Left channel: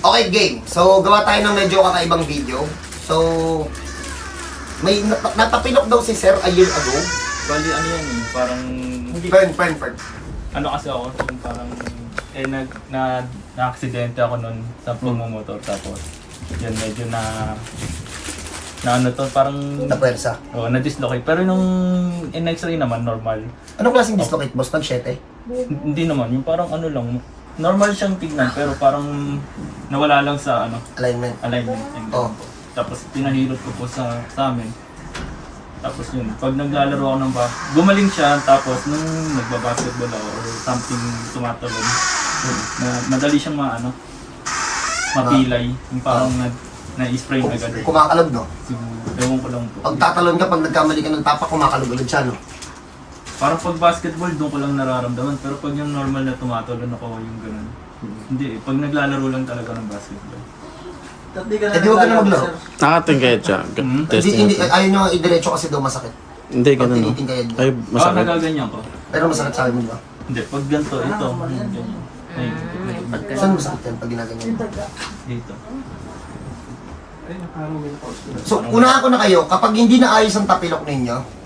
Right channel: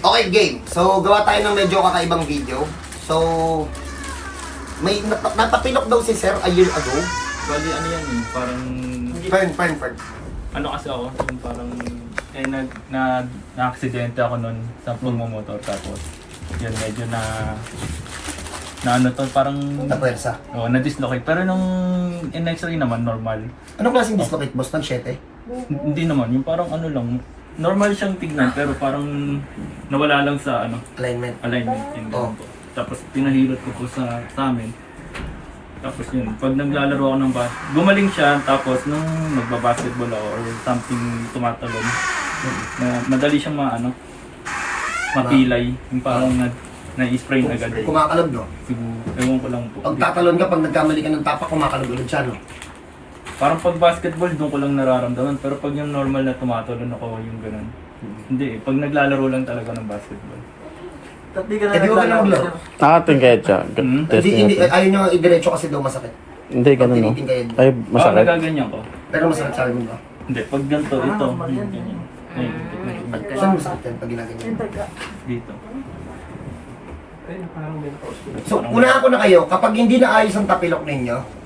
Okay, game. So, gawa tayo ng medyo kakaibang video. So, may nap- napapinok daw si Sir a year ago. Bali, ano yan eh, parang, Fern, Fern, Fern. ano kasi ako, yung parang, eh, nag, na, na-aksidente ako nun sa pagmumotor, tapos, yun, medyo na, na ano to, parang, Napwersa. oh, na-dislocate. Pero nung in x-ray naman, normal. Anong klaseng dislocate, boss? Pansyete? Hindi naman, yung parang ano lang, normal siyang tignan, pero parang nawala lang sa ano, Alignment. alignment. Yun. Oh. Tapos pinahilot ko po sa, sa amin. Tapos yun, pag naglalaro ako ng bas, gumaling siya, tapos nung nagbabasketball ako or something tumatalon, na madali siyang maano, mapilay, yung parang nag, na-spray na agad. Kumakalog, no? Siguro, ewan ko lang po. Pag tatalon ka, pag nagkamali ka ng tapak, kumakalog ulit siya, no? Parang pag basketball, doon ko lang nararamdaman. Pero pag yung normal na tumatalon ako, yung ganun. Hindi eh, pag naglalaro lang talaga ng basketball. Eh, di huwag ka na maglaro. Nakatingkayad siya. Hmm? Hindi, Testing hindi, natin. ayaw nyo i-diretso kasi daw masakit. Hindi, ganun no. Ay, Ah, masakit. nagaganyan ko. Pero masakit sa akin mo ba? Hindi, pag ganito, ito. hmm, ganyan. Ay, Saan masakit yan pag ginaganyan mo? dito. So, unahan ko na kayo, kapag hindi na ayos ang tapilok ninyo,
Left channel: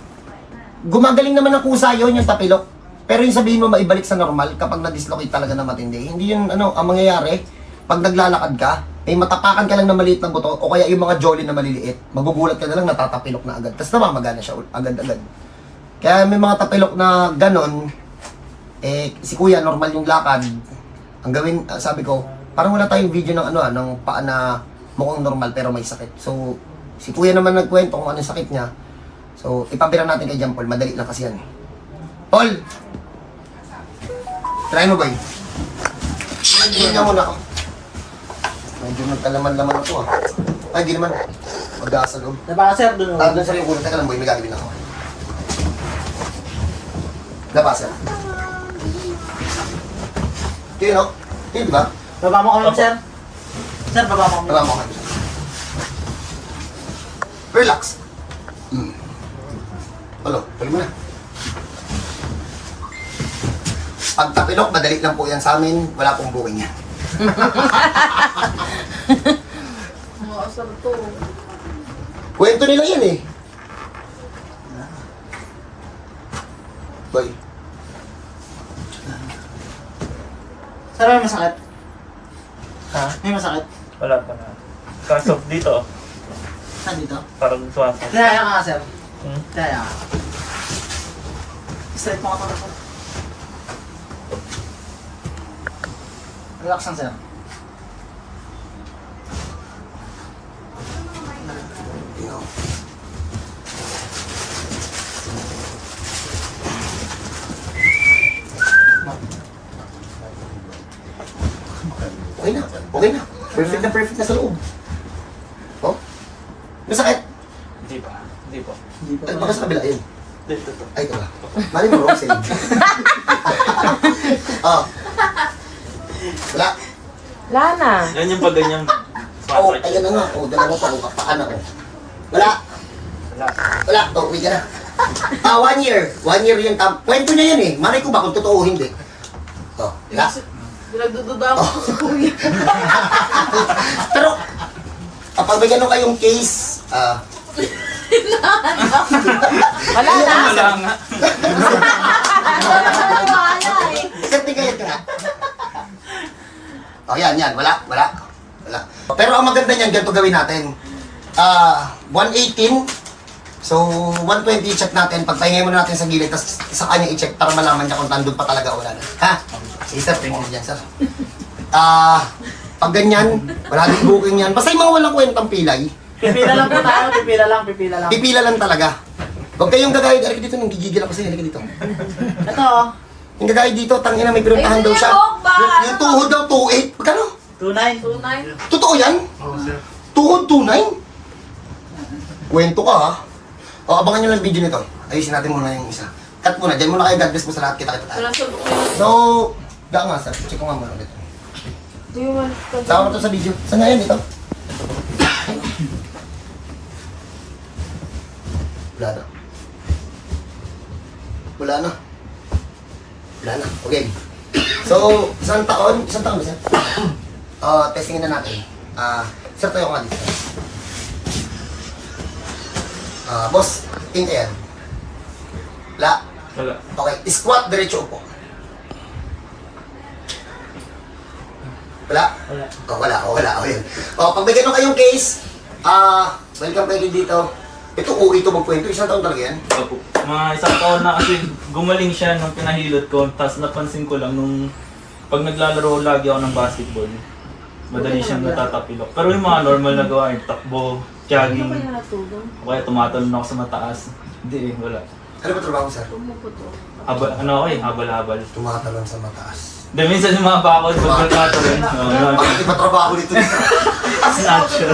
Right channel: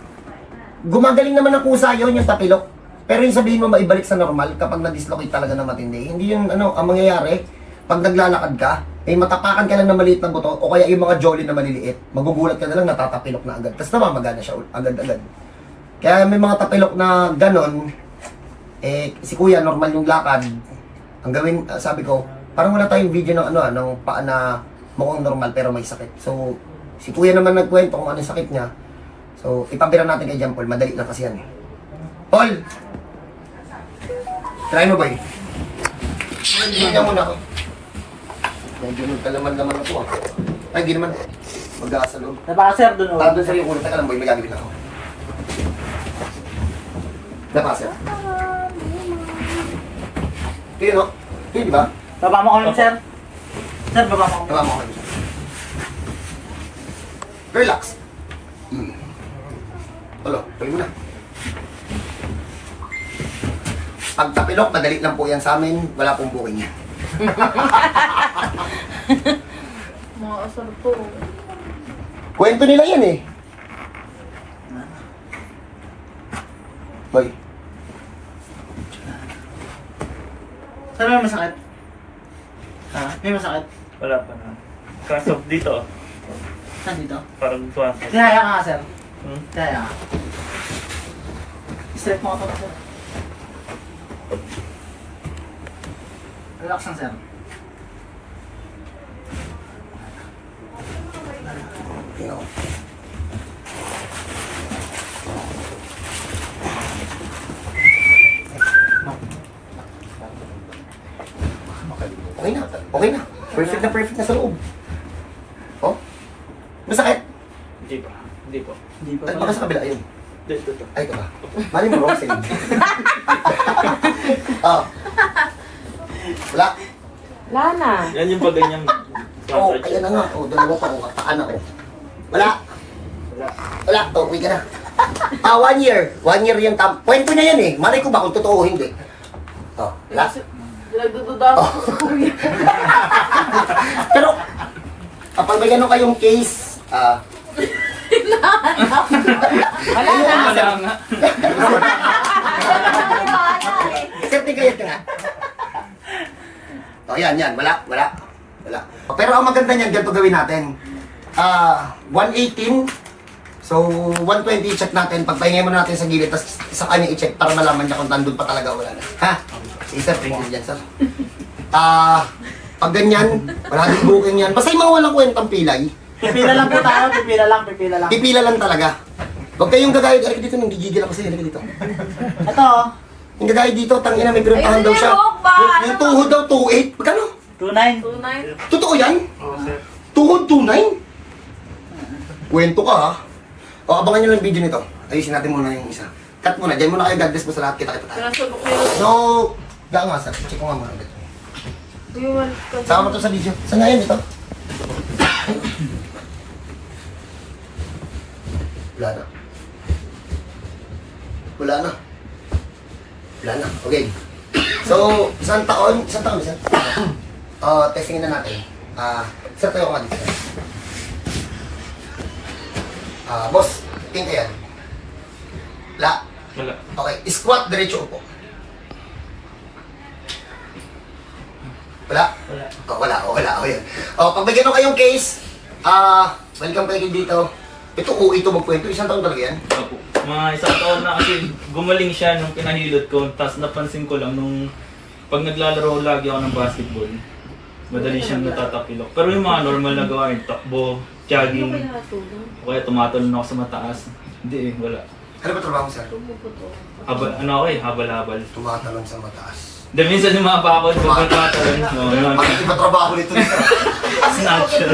gumagaling naman ang kusa yun, yung tapilok. Pero yung sabihin mo maibalik sa normal kapag na-dislocate talaga na matindi. Hindi yun, ano, ang mangyayari, pag naglalakad ka, may matapakan ka lang na maliit na buto, o kaya yung mga jolly na maliliit, magugulat ka na lang, natatapilok na agad. Tapos namamagana siya agad-agad. Kaya may mga tapilok na ganon, eh, si kuya, normal yung lakad. Ang gawin, ah, sabi ko, parang wala tayong video ng ano, ah, ng paa na mukhang normal pero may sakit. So, si kuya naman nagkwento kung ano sakit niya. So, ipabira natin kay John Paul. Madali lang kasi yan eh. Paul! Try mo, boy. Hindi niya muna ako. Medyo nagkalaman-laman na to ah. Ay, di naman. Mag-aasa loob. Diba sir, dun Tawag doon sa yung ulo. Teka lang, boy. May gagawin ako. Dapa, sir. Ito yun, no? Ito yun, di ba? Baba mo kami sir. Sir, baba mo. Tama mo kayo. Relax. Mo na. Pag tapilok, madali lang po yan sa amin. Wala pong booking yan. Mga asar to. Kwento nila yan eh. Boy, Sir, may masakit. ha? May masakit. Wala pa na. Kaso dito, Saan dito? parang sumasakit. Tihaya ka nga sir. Hmm? Tihaya ka. Straight mo ka pa sir. Relax lang sir. Ko. Okay na, okay na. Perfect na perfect na sa loob. Oh? Masakit? Hindi pa. Hindi po. Ay, baka sa kabila yun. Dito to. Ay, ito ba? Mali mo wrong side. oh. Wala. Wala na. Yan yung pag ganyan. Oh, ayan na nga. Oh, dalawa pa. Oh, kataan ako. Wala. Wala. Wala. Oh, uwi ka na. Ah, one year. One year yung tam. Kwento na yan eh. Malay ko ba kung totoo o hindi. Oh, wala. Pinagdududa ako sa kuya. Pero, kapag may ganun kayong case, ah, Wala na. Wala nga. certificate ka na. Oh, yan, yan. Wala, wala. Wala. Pero ang maganda niyan, ganito gawin natin. Ah, 118. So, 120 i-check natin. Pagpahingay mo natin sa gilid, tapos sa kanya i-check para malaman niya kung nandun pa talaga o wala na. Ha? Sige, sir. Tingnan dyan, sir. Ah, pag ganyan, wala din booking yan. Basta yung mga walang kwentang pilay, Pipila lang po tayo. Pipila lang. Pipila lang. pipila lang talaga. Huwag kayong gagayad. Halika dito, nang gigigil ako sa'yo. Halika dito. Ito oh. Yung gagayad dito, tangina may pinuntahan daw siya. Yung, yung tuhod daw, 2.8. Magkano? 2.9. Tunay. Totoo yan? Tuhod 2.9? Kwento ka ha? O, abangan nyo lang video nito. Ayusin natin muna yung isa. Cut muna. Diyan muna kayo. God bless mo sa lahat. Kita-kita tayo. So, da nga sir. Check ko nga muna ulit. Mo to sa video. Saan nga yan ito? Wala na. Wala na. Wala na. Okay. So, isang taon, isang taon, isang Uh, testingin na natin. Ah, sir, tayo ka dito. Ah, boss, tingin ka yan. La. Wala. Okay, squat, diretso upo. Wala? Wala. Oh, wala, oh, wala, oh, yun. Oh, pag may ganun kayong case, ah, welcome kayo dito. Ito, uwi ito magkwento. Isang taon talaga yan. Opo. Mga isang taon na kasi gumaling siya nung pinahilot ko. Tapos napansin ko lang nung pag naglalaro lagi ako ng basketball, madali siyang natatapilok. Pero yung mga normal na gawain, takbo, Ano jogging, kaya natulog? o kaya tumatalon ako sa mataas. Hindi eh, wala. Ano ba trabaho mo, sir? Habal, ano ako eh, habal-habal. Tumatalon sa mataas. Hindi, minsan yung mga bakod, pag tumatalon, no, Bakit iba trabaho nito dito? snatcher.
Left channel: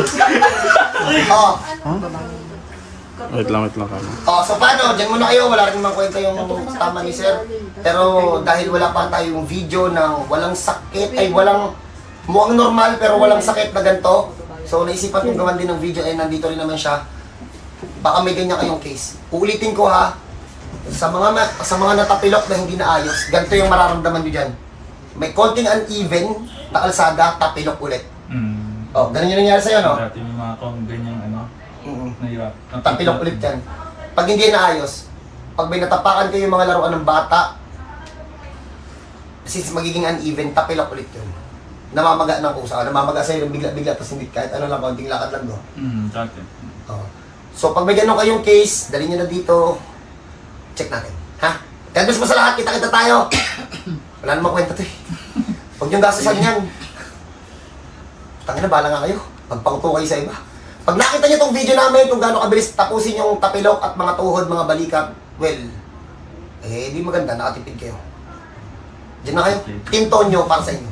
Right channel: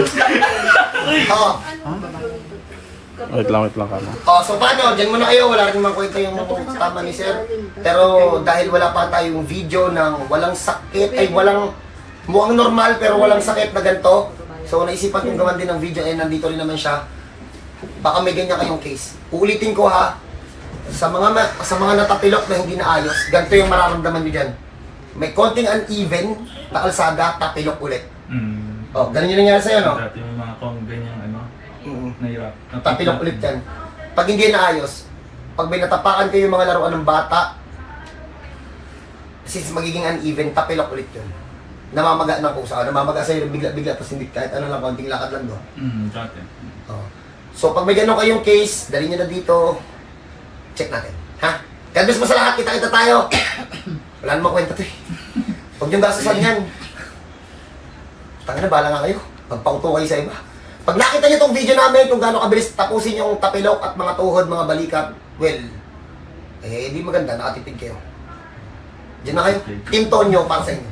oh, Wait lang, wait lang kamo. oh, so paano? Diyan muna kayo. Wala rin mang kwento yung tama ni sir. Pero dahil wala pa tayong video ng walang sakit, ay walang mukhang normal pero walang sakit na ganito. So naisipan kong gawan din ng video eh nandito rin naman siya. Baka may ganyan kayong case. Uulitin ko ha. Sa mga ma- sa mga natapilok na hindi naayos, ganito yung mararamdaman niyo diyan. May konting uneven na kalsada, tapilok ulit. Mm. Oh, ganun yung nangyari sa'yo, no? Dati yung mga kong ganyan, ano, Mm nahirap. Tapilok ulit yan. Pag hindi naayos, pag may natapakan kayo yung mga laruan ng bata, since magiging uneven, tapilok ulit yun. Namamaga ng kusa. Namamaga sa'yo, bigla-bigla, tapos hindi kahit ano lang, konting lakad lang doon. Mm, dati. Oh. So, pag may ganun kayong case, dali nyo na dito, check natin. Ha? God bless mo sa lahat, kita-kita tayo. Wala namang kwenta to eh. Huwag niyong gastusan yan. Tanga na, bala nga kayo. Magpauto kayo sa iba. Pag nakita niyo tong video namin kung gaano kabilis tapusin yung tapilok at mga tuhod, mga balikat, well, eh, di maganda, nakatipid kayo. Diyan na kayo. Team Tonyo para sa inyo.